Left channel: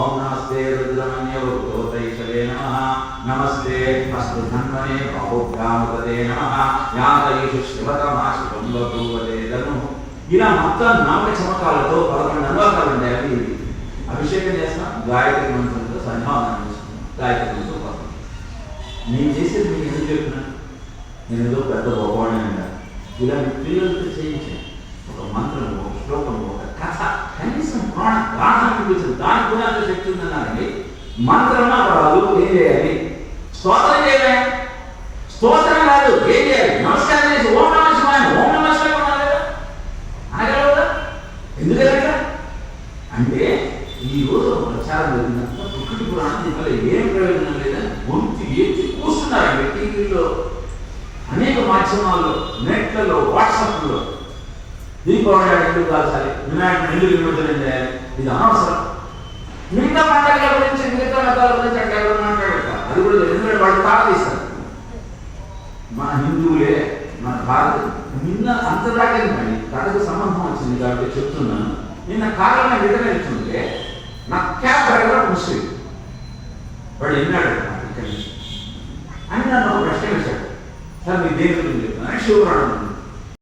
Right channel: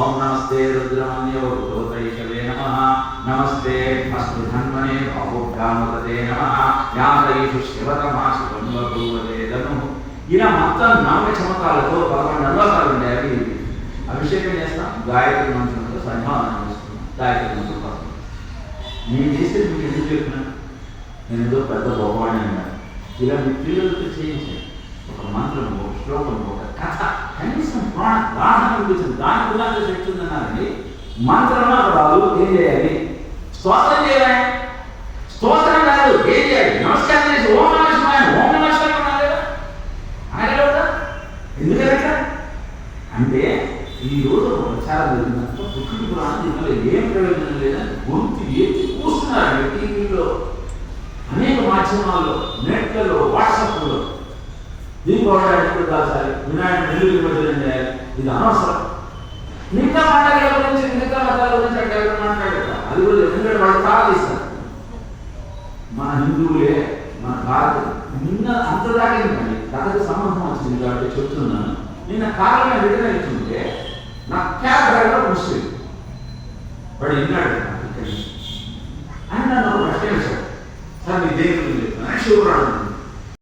ఓం నమస్తే రుద్రమన్యోపైషవే నమ. నమస్తే అస్తు ధన్వనే బాహుభ్యామపదే నమ. యాదయిషు శివతమాశివం బభూవదేదను ఇలా మొత్తం నామ చమకాలతో పదకొండు అనువాకాలు ఉంటాయి అవి అభిషేకం చేస్తాం గాయత్రి మంత్రంతో సన్మానం చేసుకున్నాం గాయత్రి మంత్రం పదం నేను చేసేది మీకు ఎందుకు చెప్పినాను నేను ఏదో పెద్ద భగవాన్ అన్నారు ఇలా మీ పిల్లలతో చేయించాను. ప్రాణం అనిపించింది దాని కూడా అంత శక్తి ఉందన్నారండి మంత్రమా రాదు ఏం చేయాలి? స్తోత్రం చేయాలి. స్తోత్రం కాదు ఏం చేయాలి? నమస్కారం చేసి ఓం నమ శివాయ ఓం నమ శివాయ అనాలి కదా? అనగలరు అంటే ఈ రోజు ప్రచారం జరిగినంత దుఃఖటి పురాణం వల్ల ఏం ప్రయోజనం లేదని గొంతు ఏడ్చి కూర్చున్నారండి టీవీలో అనేక మాధ్యమాల్లో నెట్లలో వాట్సాప్లో. దీనికి దీపావళి ఎప్పుడు కాల్చాలి వినాయకుడు ఎందుకు నిమజ్జనం చేయాలి? ఇది అనవసరం. మిగతా పండుగల గురించి మిగతా మతాల గురించి అంటే ఎవరు మాట్లాడతారు అది కూడా ఎందుకంటే వాళ్ళు తాళదీస్తారు మన హిందువులే మన భారత నిన్న అంతదాకా మరి కథకు సంబంధం వచ్చింది కాబట్టి చెప్తున్నాను. నిన్న కాలంగా రిటర్న్ వెళ్తుంటే నా క్యాబ్ డ్రైవర్ ముస్లిం. వాడు విన్నాడు ఇక్కడి నుంచి. అని నన్ను ప్రశ్నించాడు సార్. మీ దేవుడు లేదు. శివరాడు